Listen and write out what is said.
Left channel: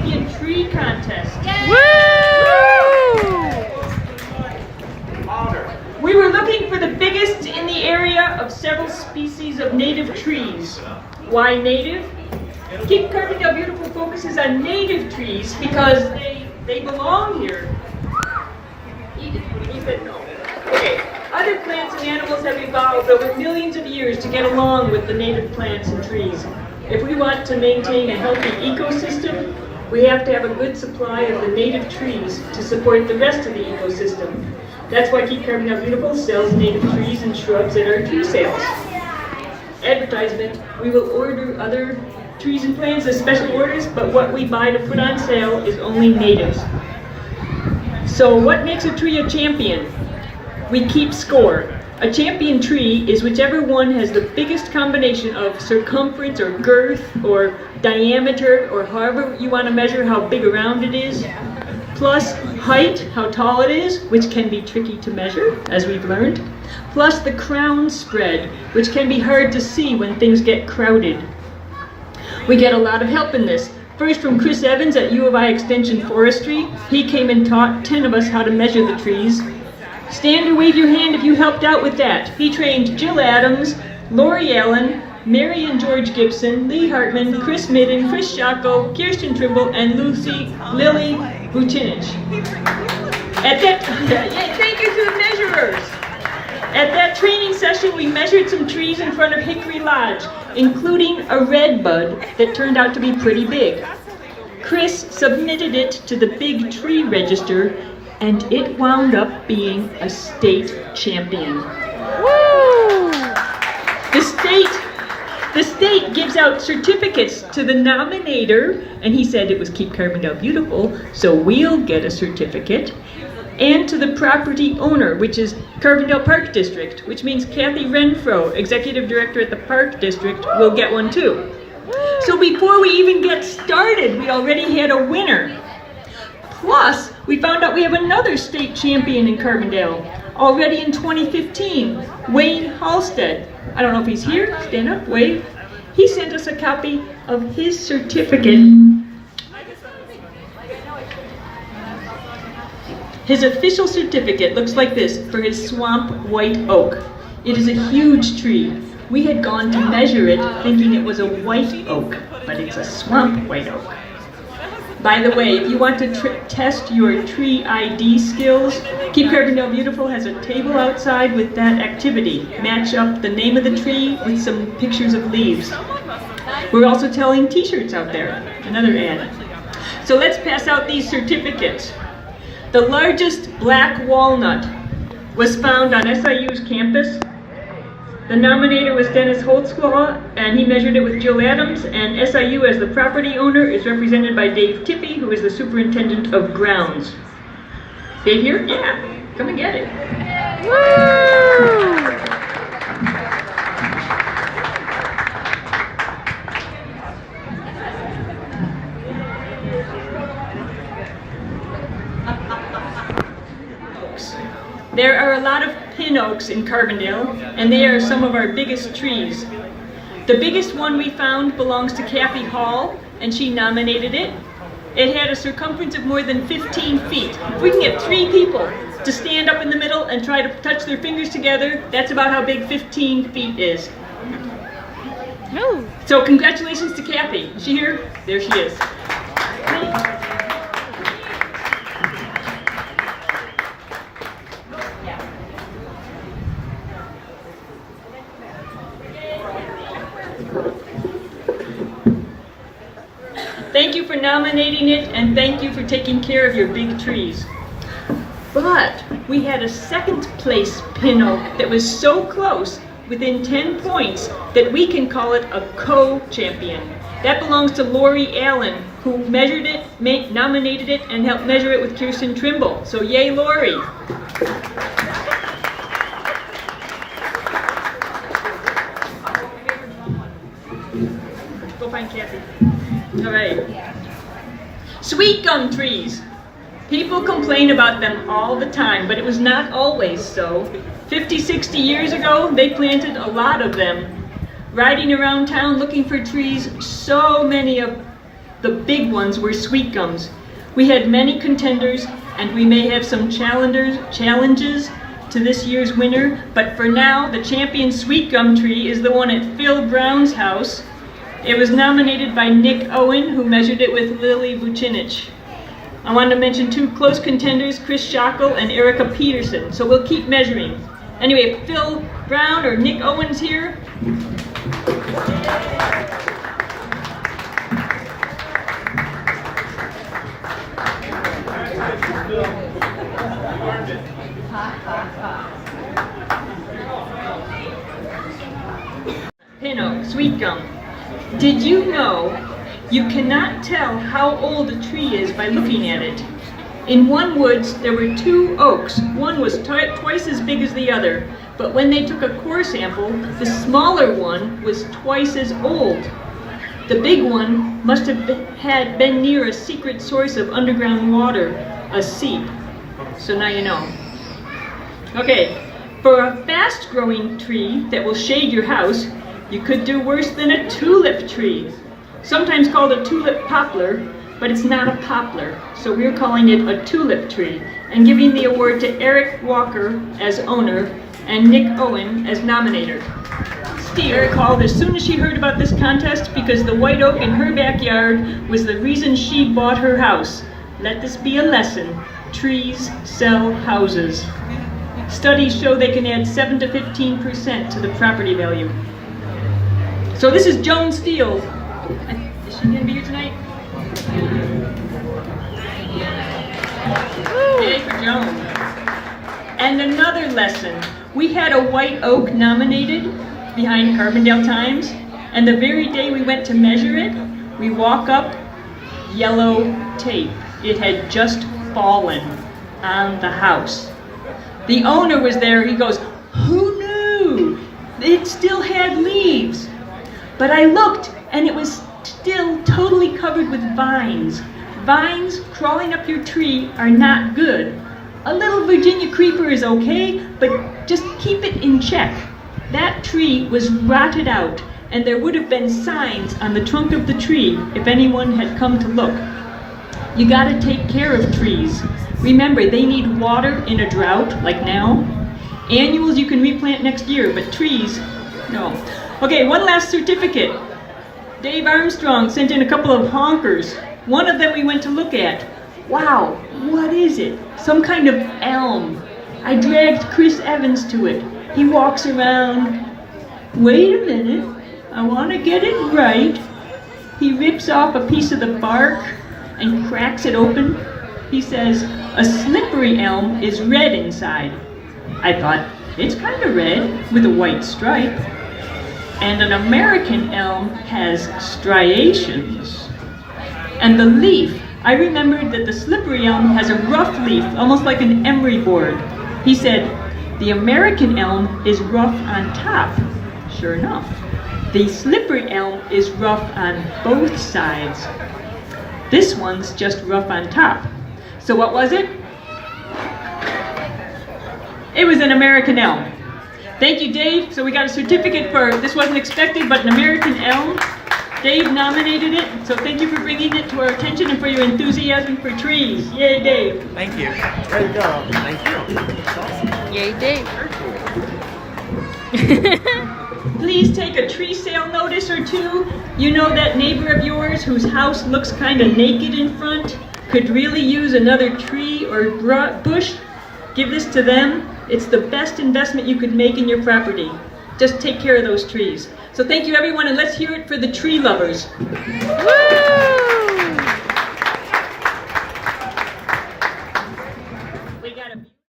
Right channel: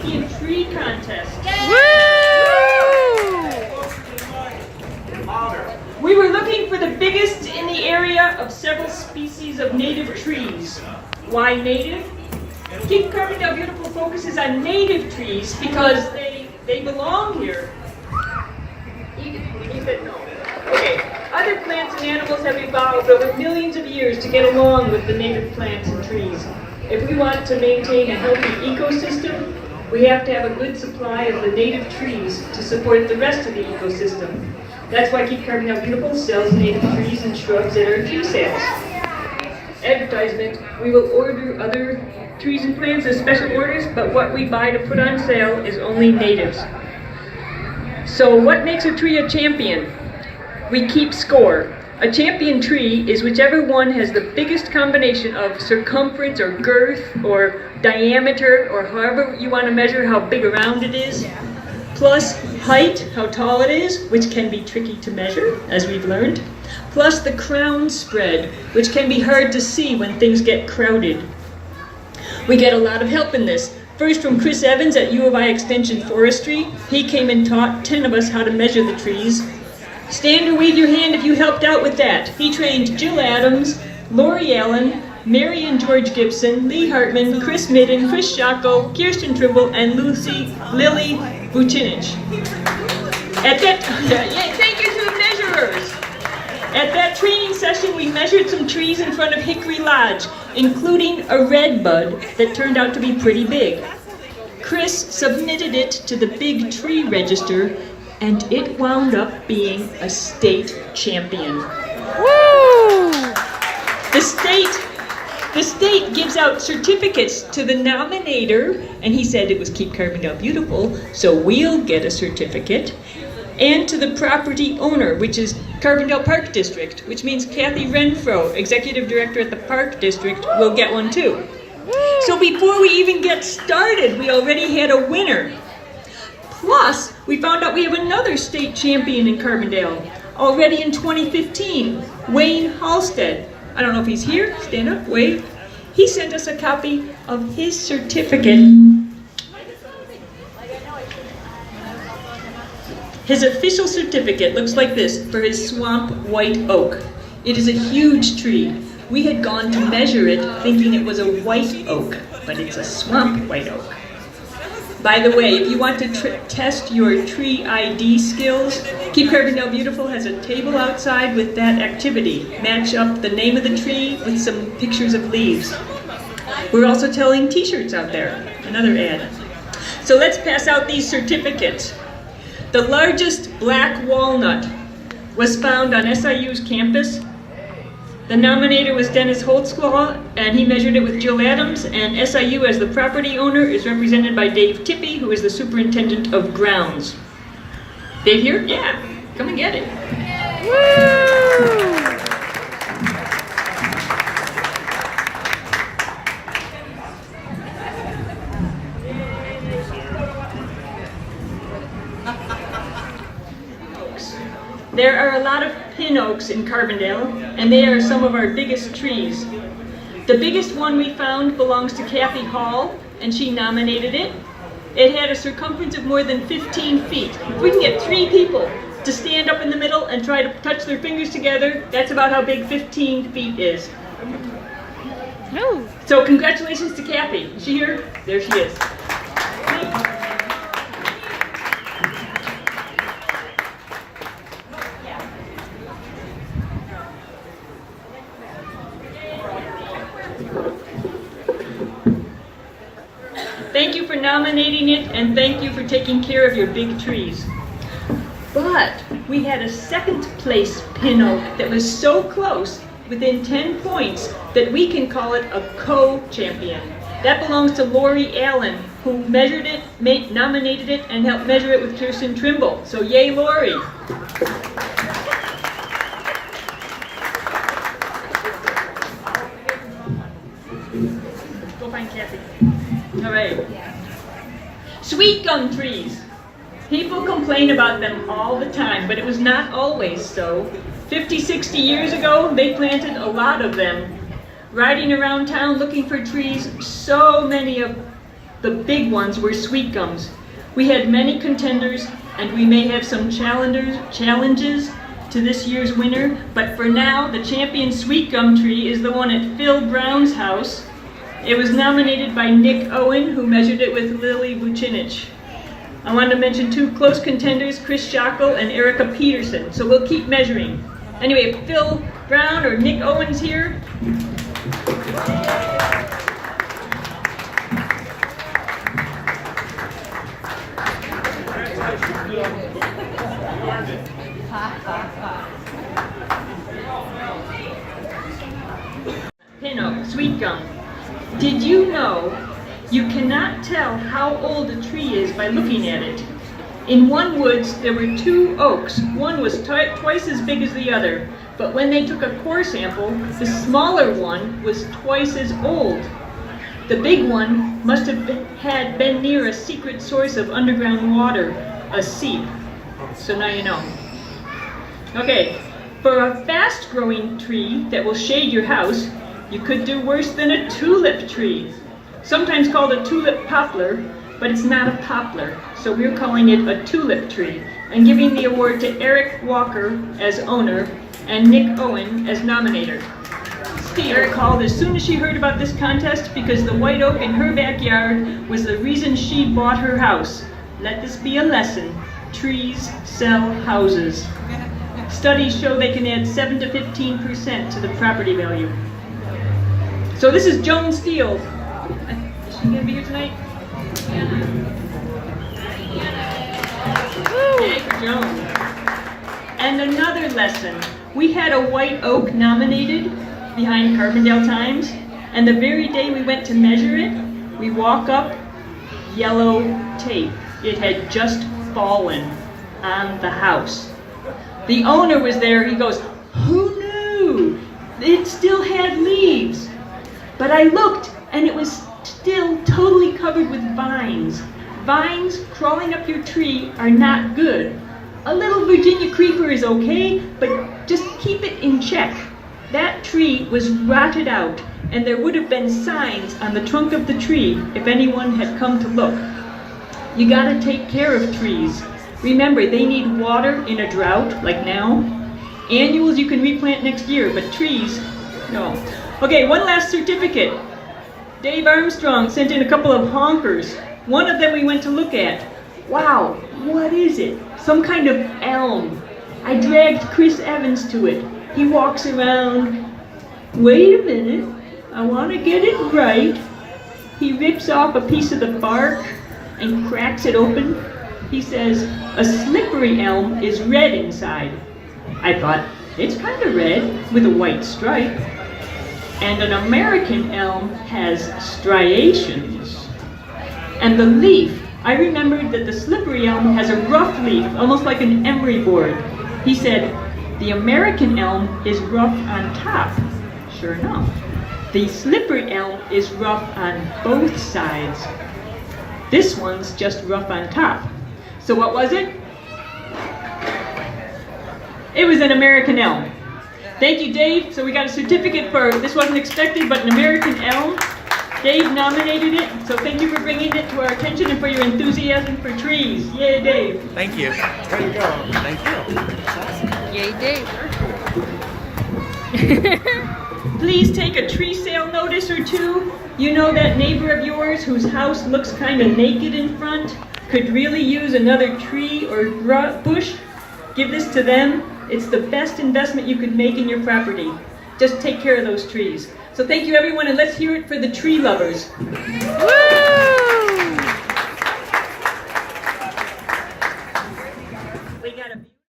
Champion Tree Contest. Woo! We were looking for the biggest in the area of several species of native trees. Why native? Keep Carbondale Beautiful focuses on native trees because they belong here. He said no. Okay. Other plants and animals have evolved over millions of years to get along with the native plants and trees. If we want to maintain a healthy ecosystem, we have to have a good supply of the native trees to support the rest of the ecosystem. That's why Keep Carbondale Beautiful sells native trees and shrubs at our tree sales. Advertisement, we will order other trees and plants as special orders, but what we buy to put on sale is only natives. So what makes a tree a champion? We keep score. A champion tree is whichever one has the biggest combination of circumference or girth or diameter or however you want to measure how big around it is, plus height, how tall it is, which can be tricky to measure, as we've learned, plus the crown spread, which can be hard to see when things get crowded. We get a lot of help in this. First from Chris Evans at U of I Extension Forestry. He came and taught 10 of us how to measure the trees. Stand or wave your hand if you helped out with that. He trained Jill Adams, Lori Allen, Mary and George Gibson, Lee Hartman, Chris Midden, Chris Schackel, Kirsten Trimble, and Lily Vucinich. Thank you to the measurers. At that training session, we measured some trees in front of Hickory Lodge, including a red bud that turned out to be pretty big. Chris submitted it to the big tree register, and it wound up being a state champion. Woo! The state gives out certificates to the nominator, and he said it was Keep Carbondale Beautiful, so we'll get a certificate, and to the property owner, which is Carbondale Park District, which means Kathy Renfro, Executive Director at the Park District, will get one too. So before we even get started, we already had a winner. Plus, we found out we have another state champion in Carbondale, already in 2015, Wayne Halstead. I don't know if he's here. Stand up, wave. He sent us a copy of his certificate. His official certificate looks like this for his swamp white oak. It is a huge tree. We had gone to measure it thinking it was a white oak, but it's a swamp white oak. By the way, if you want to test your tree ID skills, Keep Carbondale Beautiful has a table outside with that activity. Match up the name of the tree with some pictures of leaves. We're also selling t-shirts out there, another ad. So let's pass out these certificates. The largest black walnut was found on SIU's campus. The nominator was Dennis Holtzclaw, and he measured it with Jill Adams, and SIU as the property owner is represented by Dave Tippy, who is the superintendent of grounds. Dave here? Yeah, come and get it. Woo! There are a lot of pin oaks in Carbondale, and they are some of our biggest trees. The biggest one we found belongs to Kathy Hall, and she nominated it. It had a circumference of more than 15 feet. If we can get 3 people to stand up in the middle and try to touch their fingers together, that's about how big 15 feet is. No. So congratulations to Kathy. Is she here? There she is. Thank you for nominating it, and thank you for taking care of your big trees. But we had a second place pin oak that was so close, within 10 points, that we can call it a co-champion. That belongs to Lori Allen, who measured it, nominated it, and helped measure it with Kirsten Trimble. So yay, Lori. Go find Kathy. All right. Sweet gum trees. People complain about them all the time, but it was not always so. 50, 60 years ago, they planted a lot of them. Riding around town looking for trees, so many of The big ones were sweet gums. We had many contenders, and we may have some challenges to this year's winner, but for now, the champion sweet gum tree is the one at Phil Brown's house. It was nominated by Nick Owen, who measured it with Lily Vucinich. I wanted to mention two close contenders, Chris Schockel and Erica Peterson, so we'll keep measuring. Anyway, Phil Brown or Nick Owens here. Pinot, sweet gum. Did you know you cannot tell how old a tree is by looking at it? In one woods, there were two oaks. One was twice as big as the other, but when they took a core sample, the smaller one was twice as old. The big one must have been near a secret source of underground water, a seep. So now you know. Okay, for a fast-growing tree that will shade your house, you could do worse than a tulip tree. Sometimes called a tulip poplar, but it's not a poplar, so we're calling it a tulip tree, and giving the award to Eric Walker as owner and Nick Owen as nominator. Eric called as soon as she heard about this contest because the white oak in her backyard was the reason she bought her house. Let this be a lesson. Trees sell houses. Studies show they can add 7 to 15% to the property value. So this is Joan Steele. Is she gonna be here tonight? Yay for Joan. And another lesson. We had a white oak nominated behind Carbondale Times, and the very day we went to measure it, we walk up, yellow tape. It had just fallen on the house. The owner was there. He goes, "Who knew? It still had leaves." But I looked, and it was still totally covered with vines. Vines crawling up your tree are not good. A little Virginia creeper is okay, but just keep it in check. That tree was rotted out, and there would have been signs on the trunk of the tree if anyone had come to look. You gotta take care of trees. Remember, they need water in a drought, like now. Annuals you can replant next year, but trees, no. Okay, one last certificate. Dave Armstrong sent in a couple of honkers. One of them we went to look at. Wow, what is it? Some kind of elm. I dragged Chris Evans to it. He walks around. Wait a minute, I want to get it right. He rips off a piece of the bark and cracks it open. He says, a slippery elm is red inside. I thought, it's kind of red with a white stripe. And an American elm has striations. And the leaf, I remembered that the slippery elm has a rough leaf, almost like an emery board. He said, the American elm is rough on top. Sure enough. The slippery elm is rough on both sides. This one's just rough on top. So what was it? It was an American elm. Thank you, Dave. So we got a certificate for, this wasn't expected, but an American elm. Dave nominated it, so thank you for bringing it to our attention and for your enthusiasm for trees. Yay, Dave. Thank you. There you go. Thank you. That's awesome. Yay, Dave. Please take a tree sale notice or two. You know that neighbor of yours whose house looks kind of naked in front could really use another tree or bush? Give this to them. It's the best investment you could make in your property. Just take care of those trees. So thank you everyone, and let's hear it for the tree lovers. Woo!